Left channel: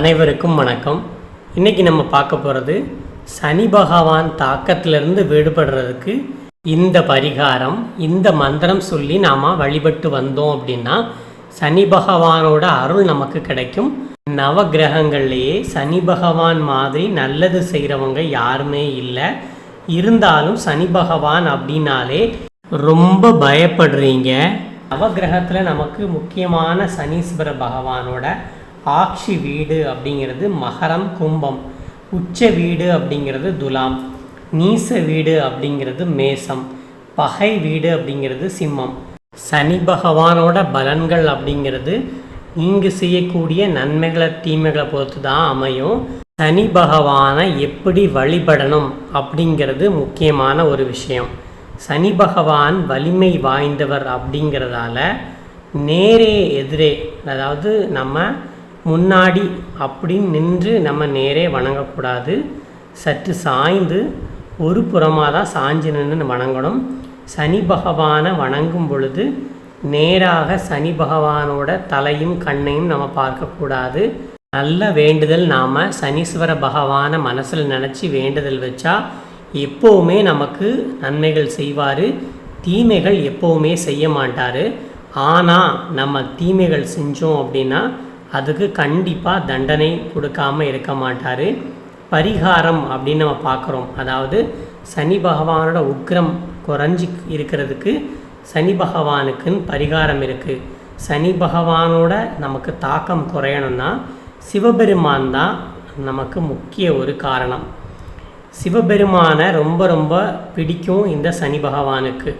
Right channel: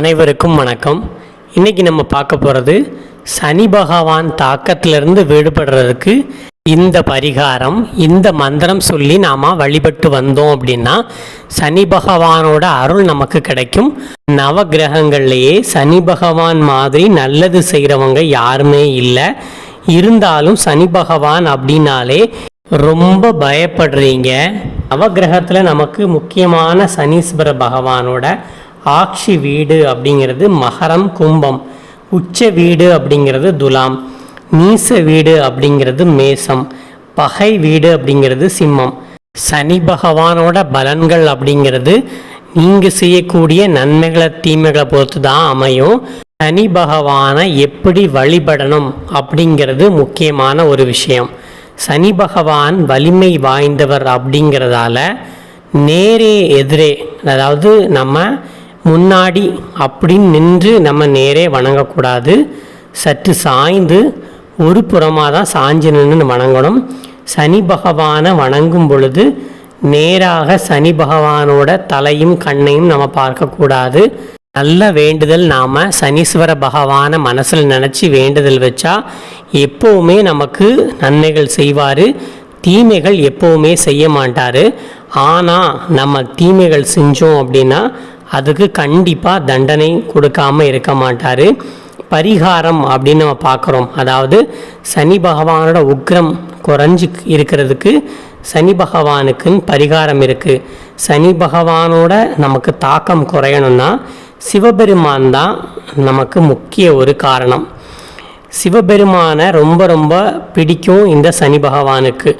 அனைவருக்கும் வணக்கம். இன்னைக்கு நம்ம பார்க்க போகிறது சனி பகவான் தாக்கத்திலிருந்து விடுபடுறதுக்கு இந்த பரிகாரம் இந்த மந்திரம் சொல்லி நாம் வழிபட்டு வந்தோம் அப்படின்னா சனி பகவானோட அருள் நமக்கு கிடைக்கும். நவ கிரகங்கள்லேயே சனி பகவான் மாதிரி நல்லது செய்கிறவங்க யாருமே இல்லை. இருந்தாலும் சனி பகவான் அப்படின்னாலே ரொம்ப பயப்படுறீங்க. நவகிரகத்தில் நமக்கு முக்கியமான சனீஸ்வர பகவானோட ஆட்சி வீடு அப்படிங்கிறது மகரம் கும்பம். உச்ச வீடு அப்படிங்கிறது துலாம். நீச வீடு அப்படிங்கிறது மேசம். பகை வீடு அப்படிங்கிறது சிம்மம். சனி பகவானோட பலன்கள் அப்படிங்கிறது நீங்கள் செய்யக்கூடிய நன்மைகளை தீமைகளை பொறுத்து தான் அமையும். சனி பகவானை எப்படி வழிபடணும் அப்படிங்கிறது முக்கியமான ஒரு விஷயம். சனி பகவான் வலிமை வாய்ந்தவர் அப்படிங்கிறதால நேரே எதிரே அதாவது நம்ம முன்னாடி அப்படின்னு நின்று நம்ம நேரே வணங்கக்கூடாது. சற்று சாய்ந்து ஒரு புறமாக தான் சாஞ்சு நின்று வணங்கணும். சனி பகவானை வணங்கும் பொழுது நேராக சனி பகவானோட தலையும் கண்ணையும் நம்ம பார்க்கக்கூடாது. நல்ல வேண்டுதல் நாம் சனீஸ்வர பகவானை மனசில் நினச்சி வேண்டுதல் வச்சா எப்போவுமே நமக்கு நன்மைகள் செய்வார். தீமைகள் எப்போவுமே செய்ய மாட்டார். ஆனால் நம்ம தீமைகள் செஞ்சோம் அப்படின்னா அதுக்கு கண்டிப்பாக தண்டனை கொடுக்காம இருக்க மாட்டார். பரிகாரம் அப்படின்னு நம்ம பார்க்குறோம். அதாவது சனி பகவானோட உக்ரம் குறைஞ்சி இருக்கிறதுக்கு சனி பகவானுக்குன்னு பரிகாரம் இருக்குது சனி பகவானோட நமக்கு தாக்கம் குறையணும்னா சிவபெருமான் தான் நமக்கு முக்கிய ஒரு காரணம். சிவபெருமானை ரொம்ப ரொம்ப பிடிக்கும் இந்த சனி பகவானுக்கு.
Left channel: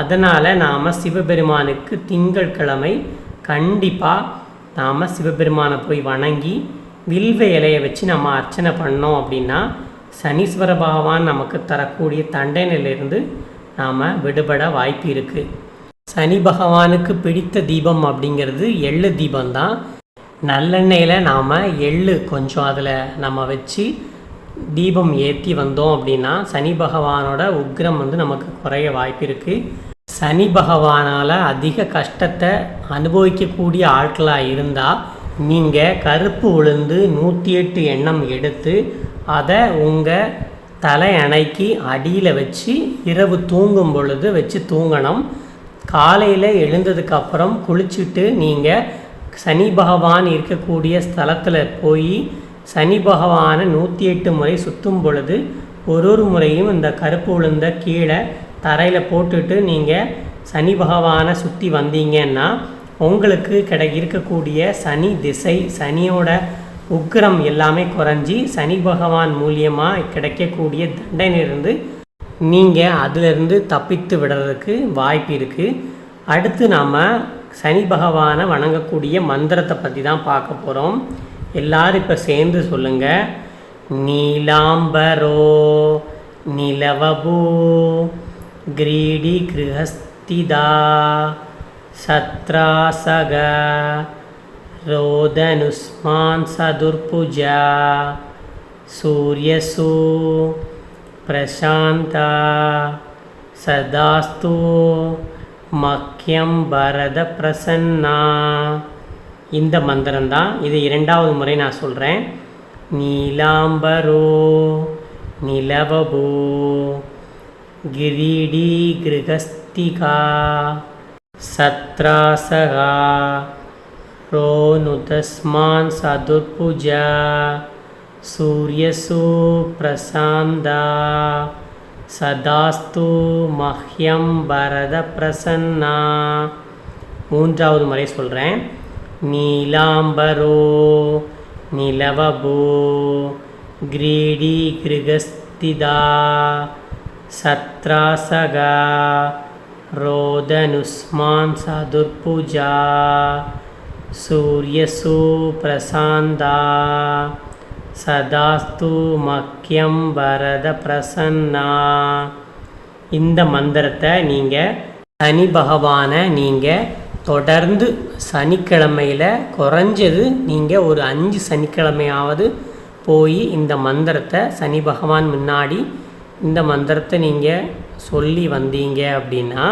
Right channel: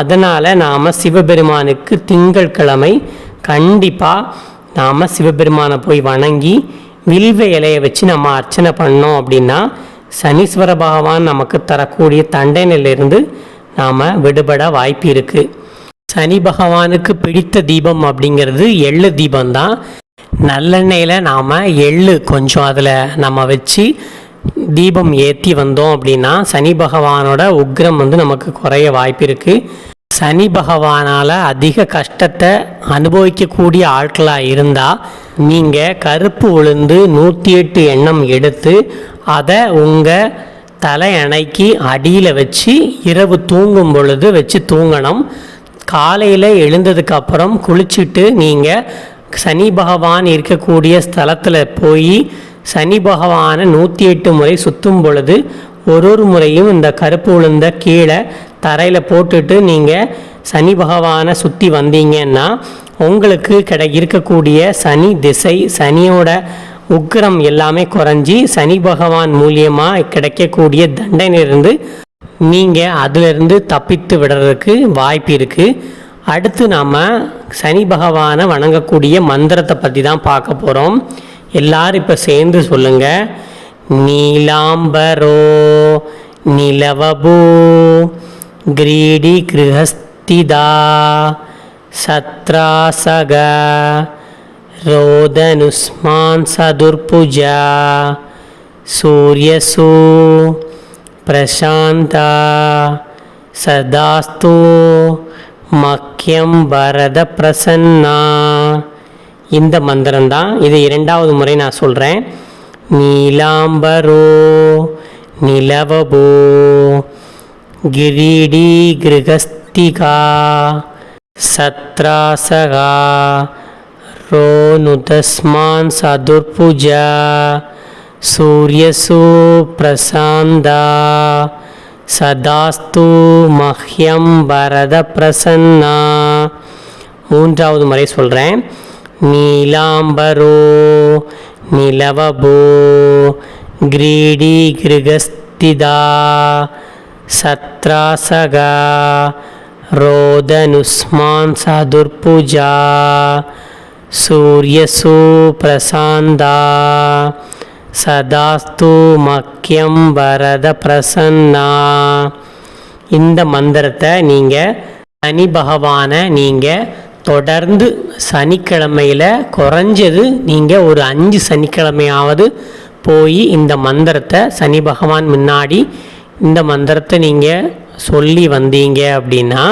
அதனால் நாம் சிவபெருமானுக்கு திங்கட்கிழமை கண்டிப்பாக நாம் சிவபெருமானை போய் வணங்கி வில்வ இலையை வச்சு நம்ம அர்ச்சனை பண்ணோம் அப்படின்னா சனீஸ்வர பகவான் நமக்கு தரக்கூடிய தண்டனையிலிருந்து நாம் விடுபட வாய்ப்பு இருக்குது சனி பகவானுக்கு பிடித்த தீபம் அப்படிங்கிறது எள்ளு தீபம்தான். நல்லெண்ணெயில் நாம் எள்ளு கொஞ்சம் அதில் நம்ம வச்சு தீபம் ஏற்றி வந்தோம் அப்படின்னா சனி பகவானோட உக்ரம் வந்து நமக்கு குறைய வாய்ப்பு இருக்குது சனி பகவானால் அதிக கஷ்டத்தை அனுபவிக்கக்கூடிய ஆட்களாக இருந்தால் நீங்கள் கருப்பு உளுந்து நூற்றி எட்டு எண்ணம் எடுத்து அதை உங்கள் தலையணைக்கு அடியில் வச்சு இரவு தூங்கும் பொழுது வச்சு தூங்கணும். காலையில் எழுந்ததுக்கப்புறம் குளிச்சுட்டு நீங்கள் சனி பகவான் இருக்கக்கூடிய ஸ்தலத்தில் போய் சனி பகவானை நூற்றி எட்டு முறை சுற்றும் பொழுது ஒரு ஒரு முறையும் இந்த கருப்பு உளுந்த கீழே தரையில் போட்டுட்டு நீங்கள் சனி பகவானை சுற்றி வந்தீங்கன்னா உங்களுக்கு கிடை இருக்கக்கூடிய சனி திசை சனியோட உக்கிரம் எல்லாமே குறைஞ்சி சனி பகவான் மூலியமாக கிடைக்கக்கூடிய தண்டனையிலிருந்து நீங்கள் அதிலிருந்து தப்பித்து விடுறதுக்கு வாய்ப்பு இருக்குது அடுத்து நாம் சனி பகவானை வணங்கக்கூடிய மந்திரத்தை பற்றி தான் பார்க்க போகிறோம் எல்லாரும் இப்போ சேர்ந்து சொல்லுங்கள் நீலாம்பரோ நிலவபூ கிரீடி கிருஹஸ்திதா சத்ராசக रोदनुस्मान् सदुर्भुजा सूर्यसु प्रशान्ता सदास्तु மக்கியம் வரத பிரசன்னா இந்த மந்திரம் தான் இது இரண்டாவது முறை நான் சொல்கிறேன் நீலாம்பரோ நிலவபோ ಗಿರೀಡೀಗೃಗಸ್ತಿಕಾ ಸತ್ರಾಸಗ ರೋನುತಸ್ಮಾನ್ ಸದುರ್ಪುಜ ಸೂರ್ಯಸು ಪ್ರಸಾಂದ சதாஸ்து மஹ்யம் பரத பிரசன்னா மூன்றாவது முறை சொல்கிறேன் நீலாம்பரோ நிலவபோ கிரீடி கிருகஸ்திதா சத்ராசகா ரோதனுஸ்மான் சதுர்புஜா சூரியசு பிரசாந்தா சதாஸ்து மக்கியம் வரத பிரசன்னா இந்த மந்திரத்தை நீங்கள் சனி பகவானை நீங்கள் தொடர்ந்து சனிக்கிழமையில் குறைஞ்சது நீங்கள் ஒரு அஞ்சு சனிக்கிழமையாவது போய் இந்த மந்திரத்தை சனி பகவான் முன்னாடி இந்த மந்திரத்தை நீங்கள் சொல்லி வந்தீங்க அப்படின்னா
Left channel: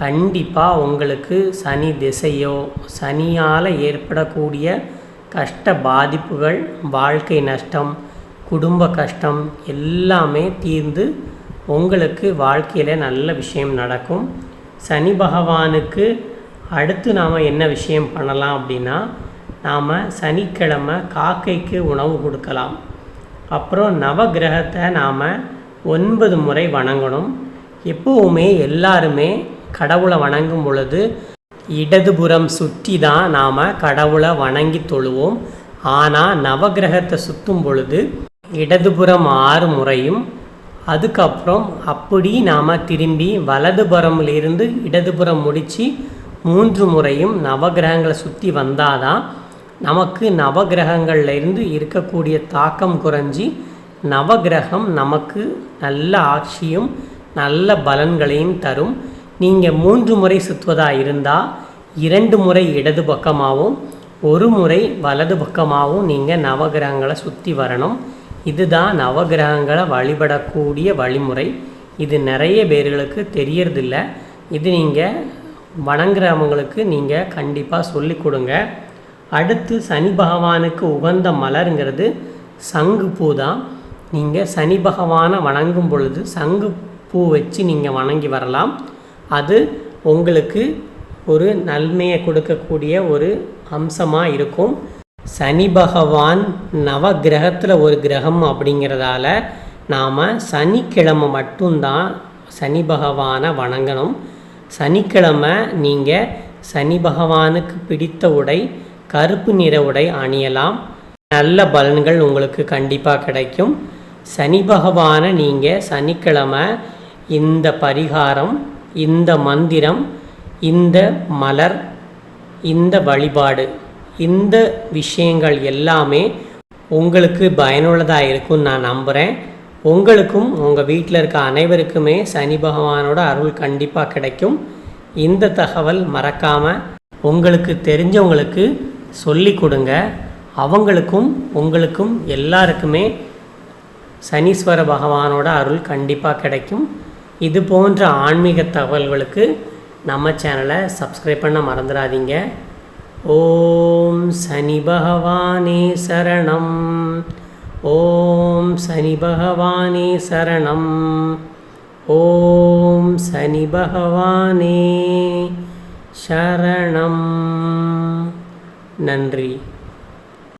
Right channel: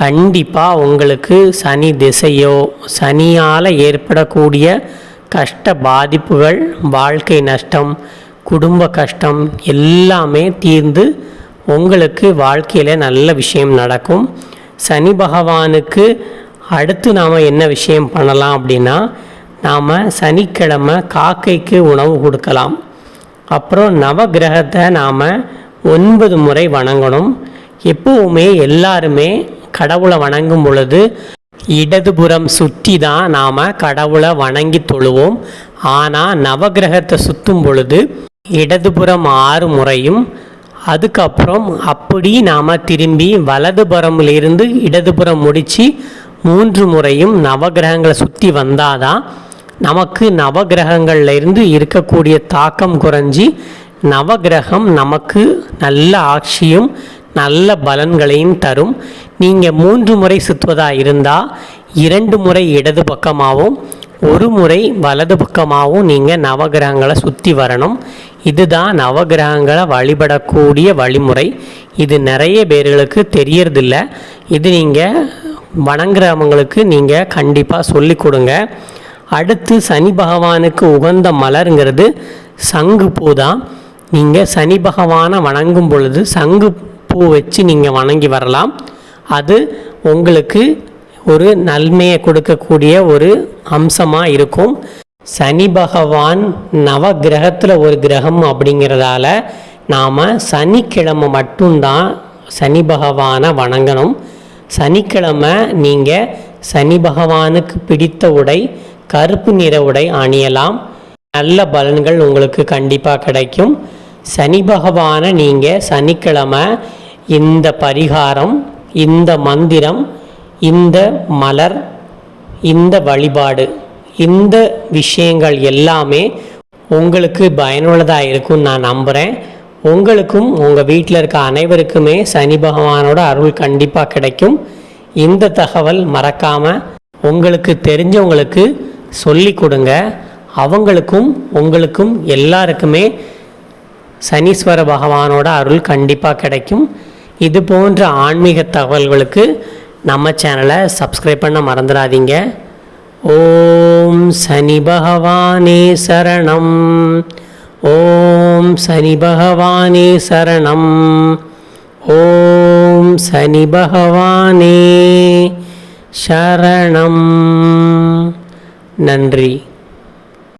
கண்டிப்பாக உங்களுக்கு சனி திசையோ சனியால் ஏற்படக்கூடிய கஷ்ட பாதிப்புகள் வாழ்க்கை நஷ்டம் குடும்ப கஷ்டம் எல்லாமே தீர்ந்து உங்களுக்கு வாழ்க்கையில் நல்ல விஷயம் நடக்கும். சனி பகவானுக்கு அடுத்து நாம் என்ன விஷயம் பண்ணலாம் அப்படின்னா நாம் சனிக்கிழமை காக்கைக்கு உணவு கொடுக்கலாம். அப்புறம் நவகிரகத்தை நாம் ஒன்பது முறை வணங்கணும். எப்போவுமே எல்லாருமே கடவுளை வணங்கும் பொழுது இடதுபுறம் சுற்றி தான் நாம் கடவுளை வணங்கி தொழுவோம். ஆனால் நவகிரகத்தை சுற்றும் பொழுது இடதுபுறம் ஆறு முறையும் அதுக்கப்புறம் அப்படி நாம் திரும்பி வலதுபுறமிலிருந்து இடதுபுறம் முடித்து மூன்று முறையும் நவகிரகங்களை சுற்றி வந்தாதான் நமக்கு நவகிரகங்கள்லேருந்து இருக்கக்கூடிய தாக்கம் குறைஞ்சி நவகிரகம் நமக்கு நல்ல ஆட்சியும் நல்ல பலன்களையும் தரும். நீங்கள் மூன்று முறை சுற்றுவதாக இருந்தால் இரண்டு முறை இடது பக்கமாகவும் ஒரு முறை வலது பக்கமாகவும் நீங்கள் நவகிரகங்களை சுற்றி வரணும். இதுதான் நவகிரகங்களை வழிபடக்கூடிய வழிமுறை. இது நிறைய பேர்களுக்கு தெரியறதில்ல. இது நீங்கள் வணங்குறவங்களுக்கு நீங்கள் கண்டிப்பாக சொல்லி கொடுங்க. அடுத்து சனி பகவானுக்கு உகந்த மலருங்கிறது சங்கு பூ தான். நீங்கள் சனி பகவானை வணங்கும் பொழுது சங்கு பூ வச்சு நீங்கள் வணங்கி வரலாம். அது உங்களுக்கு ஒரு நன்மையை கொடுக்கக்கூடிய ஒரு அம்சமாக இருக்கும். சனி பகவான் நவ கிரகத்தில் ஒரு கிரகம் அப்படிங்கிறதால நாம் சனிக்கிழமை மட்டும்தான் சனி பகவானை வணங்கணும். சனிக்கிழமை நீங்கள் சனி பகவானுக்கு பிடித்த உடை கருப்பு நிற உடை அணியலாம். நல்ல பலன்கள் உங்களுக்கு கண்டிப்பாக கிடைக்கும். சனி பகவானை நீங்கள் சனிக்கிழமை இந்த பரிகாரம் இந்த மந்திரம் இந்த மலர் இந்த வழிபாடு இந்த விஷயங்கள் எல்லாமே உங்களுக்கு பயனுள்ளதாக இருக்கும்னு நான் நம்புகிறேன் உங்களுக்கும் உங்கள் வீட்டில் இருக்க அனைவருக்குமே சனி பகவானோட அருள் கண்டிப்பாக கிடைக்கும். இந்த தகவல் மறக்காமல் உங்களுக்கு தெரிஞ்சவங்களுக்கு சொல்லி கொடுங்க. அவங்களுக்கும் உங்களுக்கும் எல்லாருக்குமே சனீஸ்வர பகவானோட அருள் கண்டிப்பாக கிடைக்கும். இது போன்ற ஆன்மீக தகவல்களுக்கு நம்ம சேனலை சப்ஸ்கிரைப் பண்ண மறந்துடாதீங்க. ஓம் சனி பகவானே சரணம். ஓம் சனி பகவானே சரணம். ஓம் சனி பகவானே சரணம். நன்றி.